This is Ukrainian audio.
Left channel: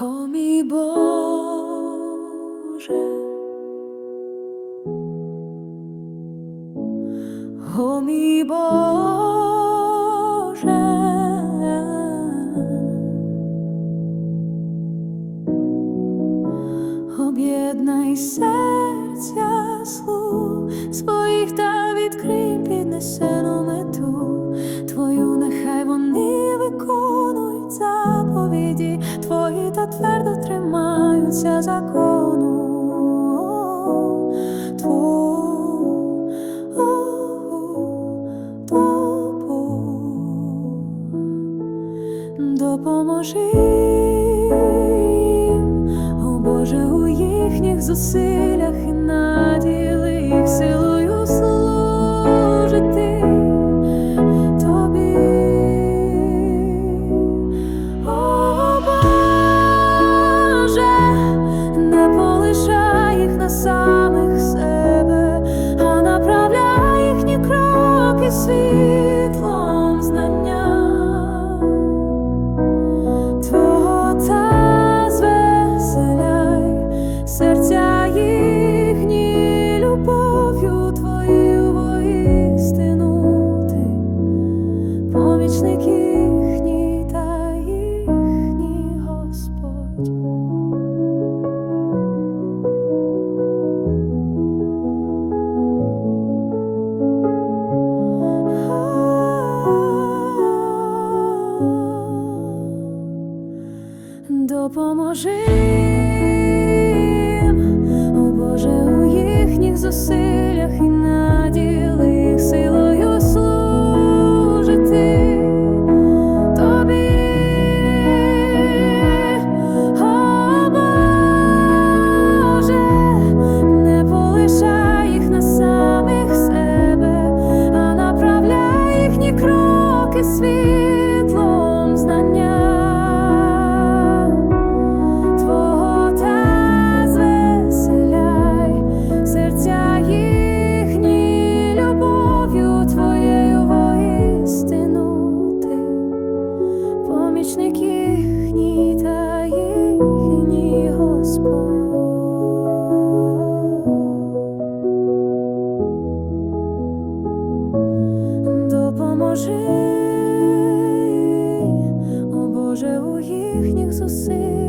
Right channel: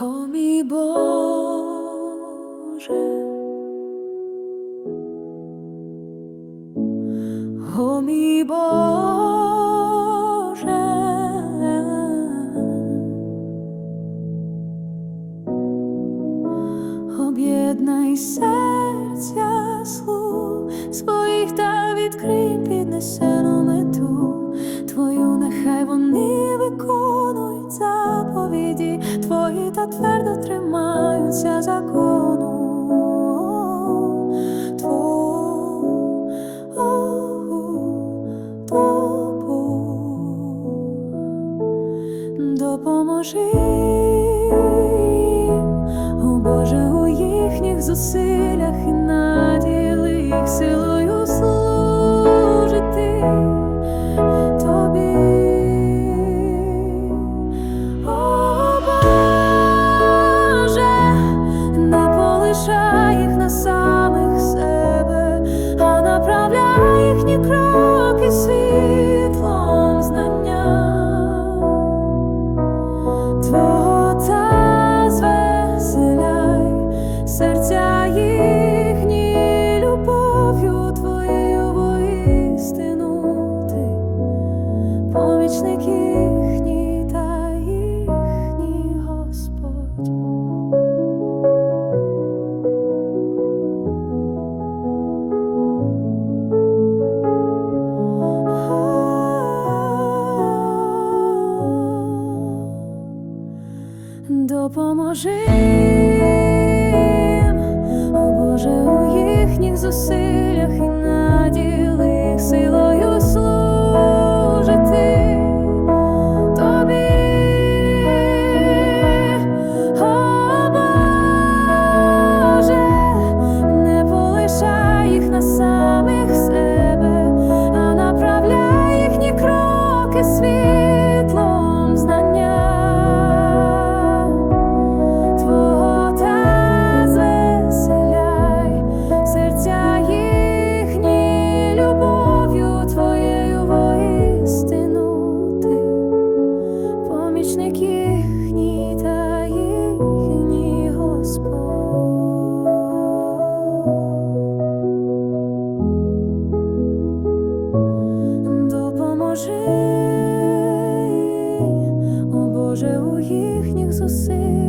О мій Боже, о мій Боже, об'єднай серця слуг своїх та відкрий піднесену мету Твою, нехай вони заповіді Твої та твердо тримаються закону. Допоможи о Боже, у їхніх зусиллях і наділи їх силою світлом знання. Твого та серця їхні любов'ю твоєю воістину ти, помічник Допоможи, о Боже, у їхніх зусиллях і наділи їх силою служити тобі. О не полишай їх на самих себе, а направляй їхні кроки світлом Допоможи, о Боже, у їхніх на